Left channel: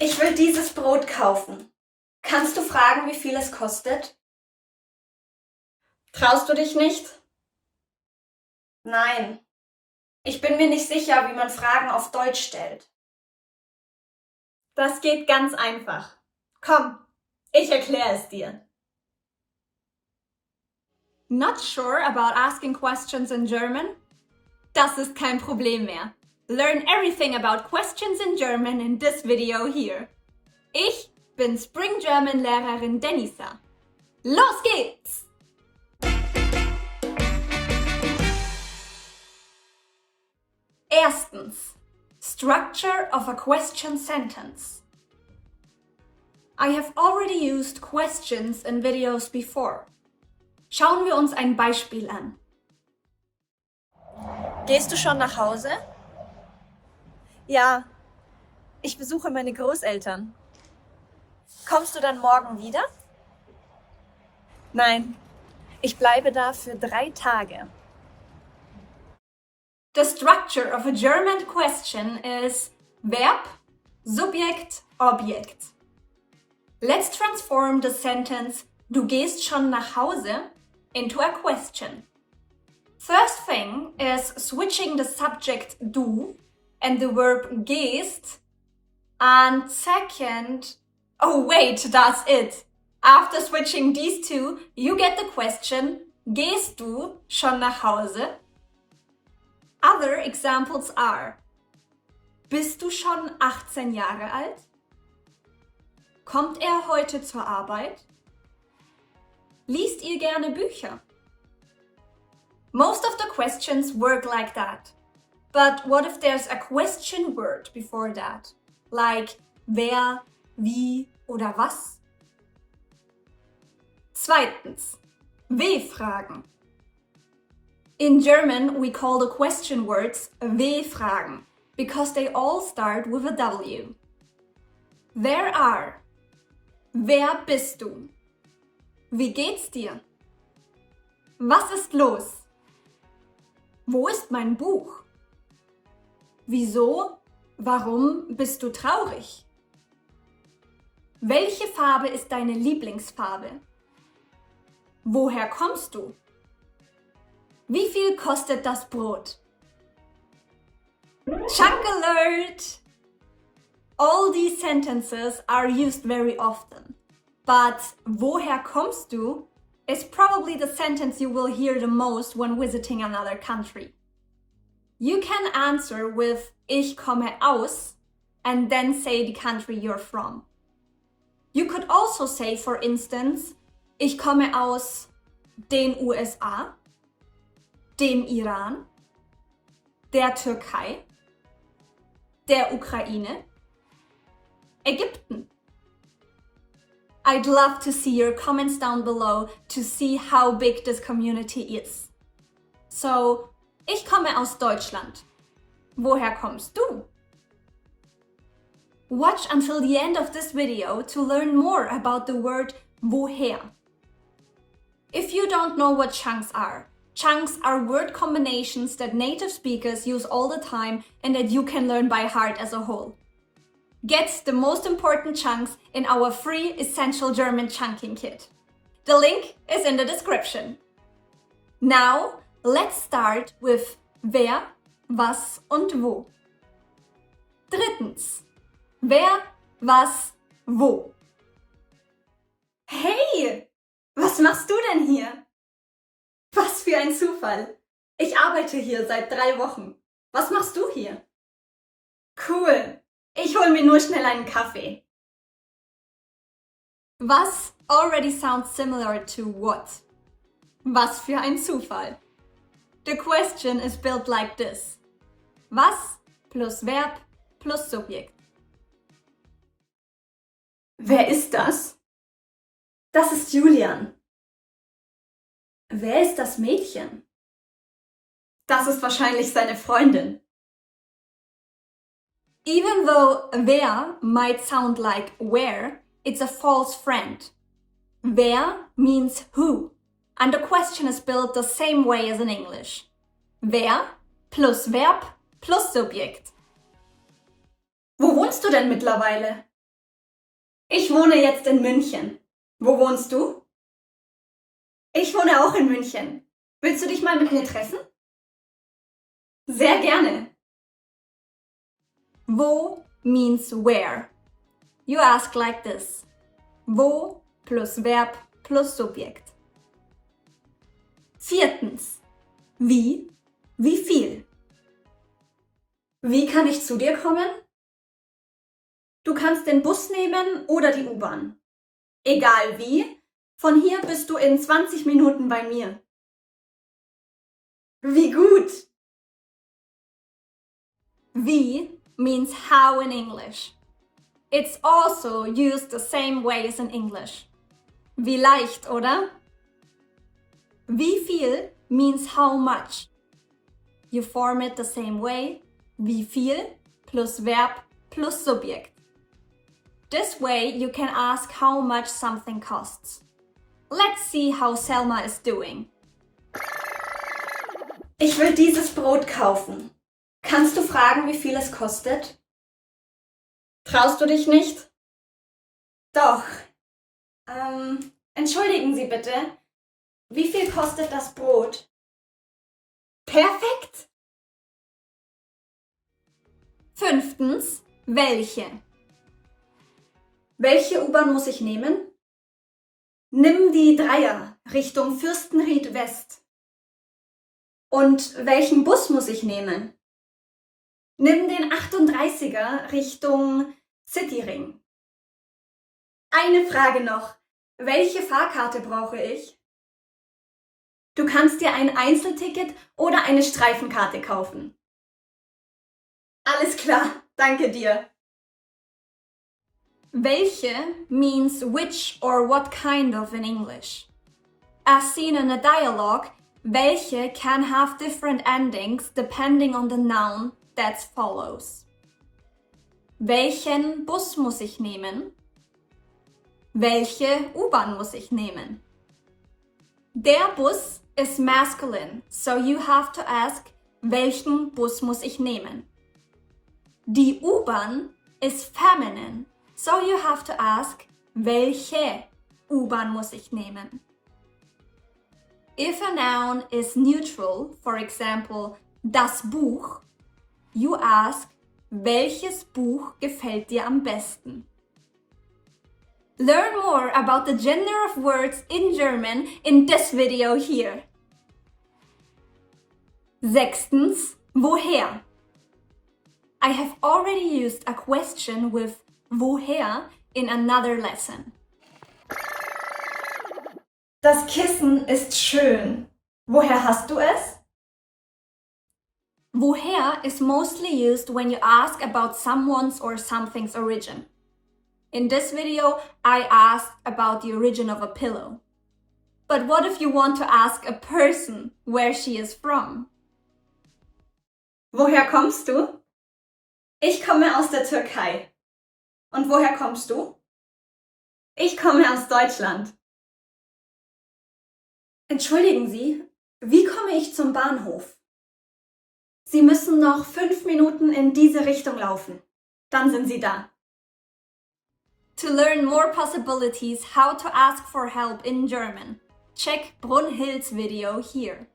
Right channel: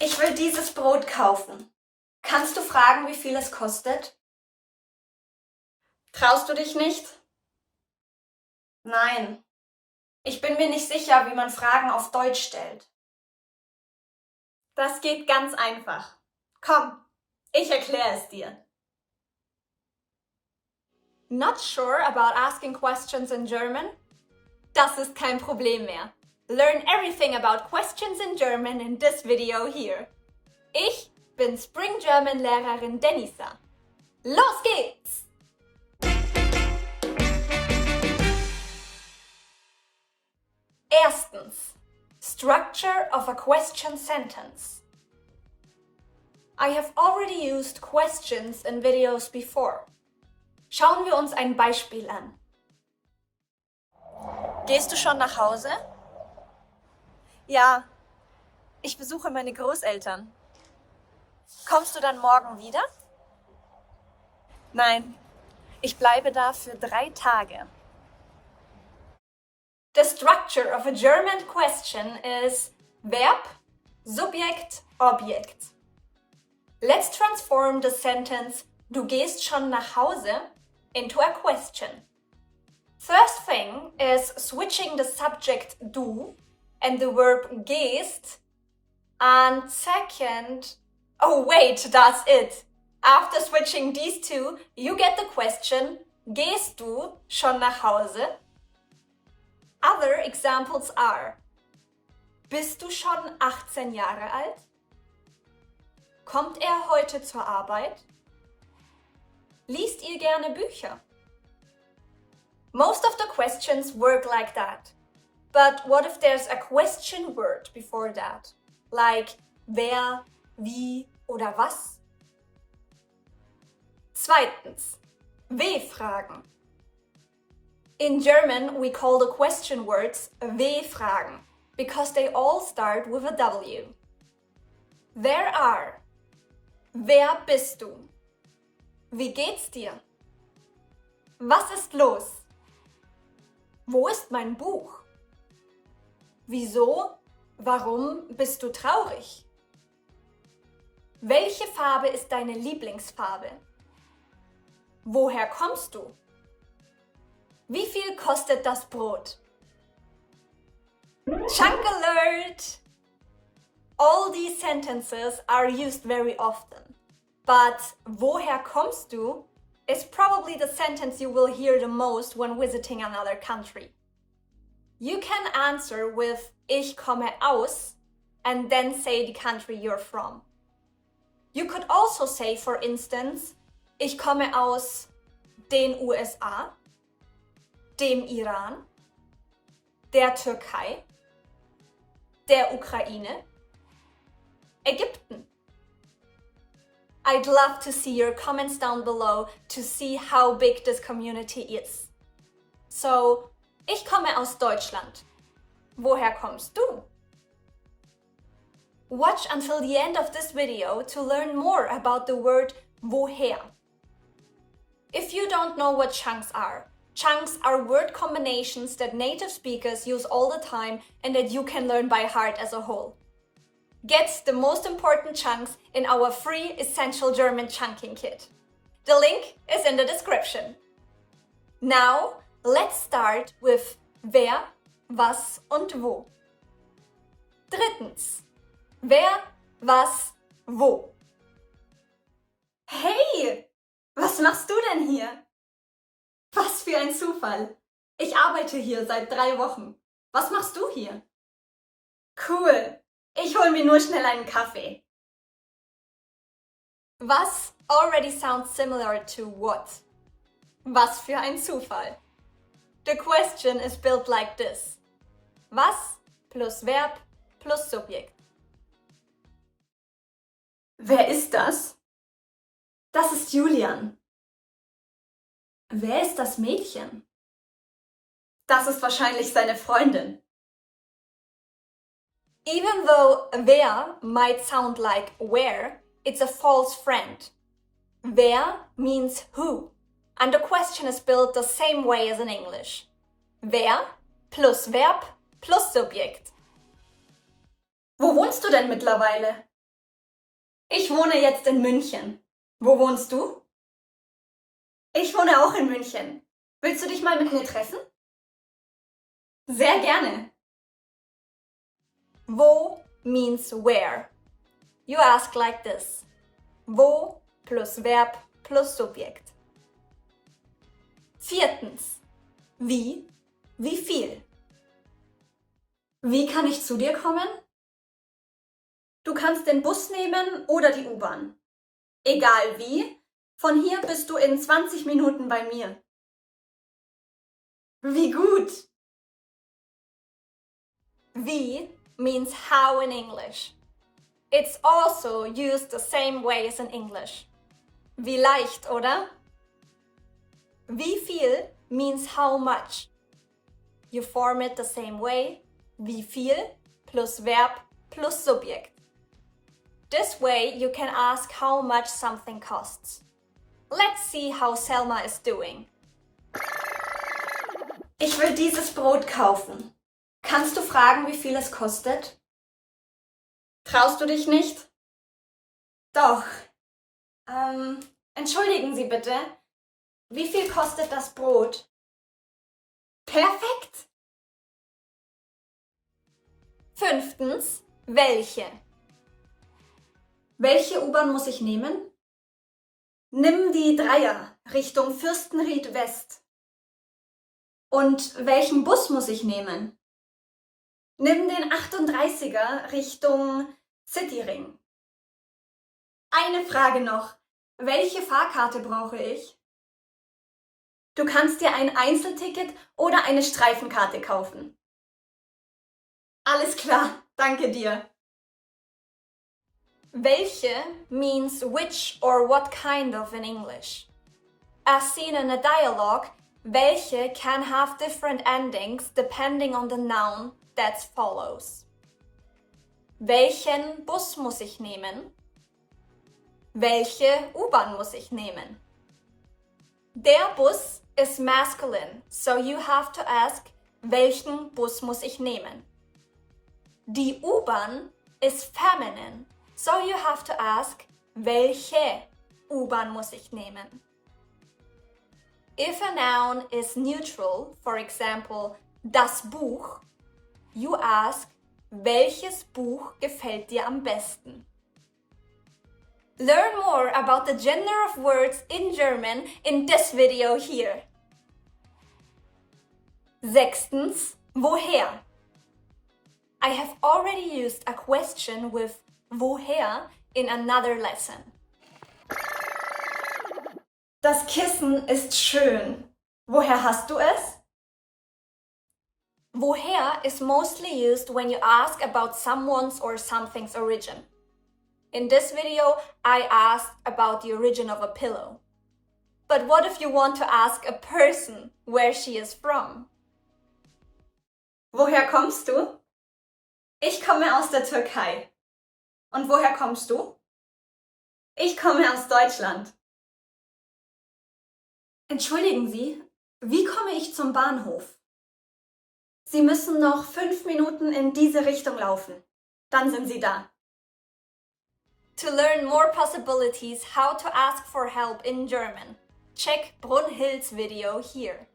Ich will dieses Brot kaufen. Kannst du fragen, wie viel es kostet? Traust du dich nicht? Nein. Ich bin mir nicht sicher, wie man Fragen auf Deutsch stellt. Das geht ganz einfach. Komm, ich erkläre es dir. Not sure about asking questions in German? Das ist kein Problem mehr. Learn everything about questions in German in this video here. Ich bin Spring German Lehrerin Denisa. Los geht's! Erstens, structure of a question sentence. I have already used questions in videos before. Schauen wir uns ein Beispiel an. Gehst du schon nach Hause? Ja, ich besuche meine Großeltern. Kommst du dann morgen wieder? Nein, ich bleibe da für 3 Tage. The structure of a German question is Verb, Subjekt, Objekt. Let's transform the sentence Du gehst schon nach Hause into a question. First thing is switching the subject du and the verb gehst. And second, oh wait, that's it. After switching these two, you get the question, gehst du schon nach Hause? Other examples are, bist du schon 18 Jahre alt? Kommt er heute zur Arbeit? Liest ihr gerne Bücher? Most of the questions work like that. But what if there's a question word before that? Like wer, wie oder was? Zweitens, W-Fragen. In German, we call the question words W-Fragen because they all start with a W. Wer are? Wer bist du? Wie geht's dir? Was ist los? Wo ist mein Buch? Wieso? Warum bist du traurig? Welche Farbe ist deine Lieblingsfarbe? Woher kommst du? Wie viel kostet das Brot? Chunk alert! All these sentences are used very often, but woher kommst du is probably the sentence you will hear the most when visiting another country. You can answer with Ich komme aus and then say the country you're from. You could also say, for instance, Ich komme aus den USA, dem Iran, der Türkei, der Ukraine, Ägypten. I'd love to see your comments down below to see how big this community is. So, ich komme aus Deutschland. Woher kommst du? Watch until the end of this video to learn more about the word woher. If you don't know what chunks are word combinations that native speakers use all the time and that you can learn by heart as a whole. Get the most important chunks in our free Essential German Chunking Kit. The link is in the description. Now, let's start with wer, was und wo. Drittens, wer, was, wo. Hey, was machst du denn hier? Was für ein Zufall. Ich arbeite hier seit 3 Wochen. Was machst du hier? Cool. Ich hol mir nur schnell einen Kaffee. Was already sounds similar to what. Was für ein Zufall. The question is built like this. Was plus Verb plus Subjekt. Wer ist das? Das ist Julian. Wer ist das Mädchen? Das ist wahrscheinlich seine Freundin. Even though wer might sound like where, it's a false friend. Wer means who, and the question is built the same way as in English. Wer plus Verb plus Subjekt. Wo wohnst du denn mittlerweile? Ich wohne jetzt in München. Wo wohnst du? Ich wohne auch in München. Willst du dich mal mit mir treffen? Sehr gerne. Wo means where. You ask like this. Wo plus Verb plus Subjekt. 4. Wie viel. Wie kann ich zu dir kommen? Du kannst den Bus nehmen oder die U-Bahn. Egal wie, von hier bist du in 20 Minuten bei mir. Wie gut! Wie means how in English. It's also used the same way as in English. Wie leicht, oder? Wie viel means how much. You form it the same way. Wie viel plus Verb plus Subjekt. This way you can ask how much something costs. Let's see how Selma is doing. Ich will dieses Brot kaufen. Kannst du fragen, wie viel es kostet? Traust du dich nicht? Doch. Entschuldigen Sie bitte. Wie viel kostet das Brot? Perfekt! 5. Welche. Welche U-Bahn muss ich nehmen? Nimm die 3er Richtung Fürstenried West. Und welchen Bus muss ich nehmen? Nimm den 38er Richtung Cityring. Eine Frage noch. Welche Fahrkarte brauche ich? Du kannst dir ein Einzelticket oder eine Streifenkarte kaufen. Alles klar, danke dir. Welche means which or what kind of in English. As seen in a dialogue, welche can have different endings depending on the noun that follows. Welchen Bus muss ich nehmen? Welche U-Bahn muss ich nehmen? Der Bus is masculine, so you have to ask, welchen Bus muss ich nehmen? Die U-Bahn is feminine, so you have to ask, welche U-Bahn muss ich nehmen? If a noun is neutral, for example, das Buch, you ask, welches Buch gefällt dir am besten? Learn more about the gender of words in German in this video here. 6. Woher. I have already used a question with woher in another lesson. Das Kissen ist schön. Woher hast du es? Woher is mostly used when you ask about someone's or something's origin. In this video, I asked about the origin of a pillow. But what if you want to ask a person where she is from? Woher kommst du? Ich komme aus der Türkei. Und woher kommst du? Ich komme aus Deutschland. Entschuldigen Sie, wie komme ich zum Bahnhof? Sie müssen noch 5 Minuten in diese Richtung laufen. Dann sind Sie da. To learn more possibilities how to ask for help in German, check Brunhild's video here.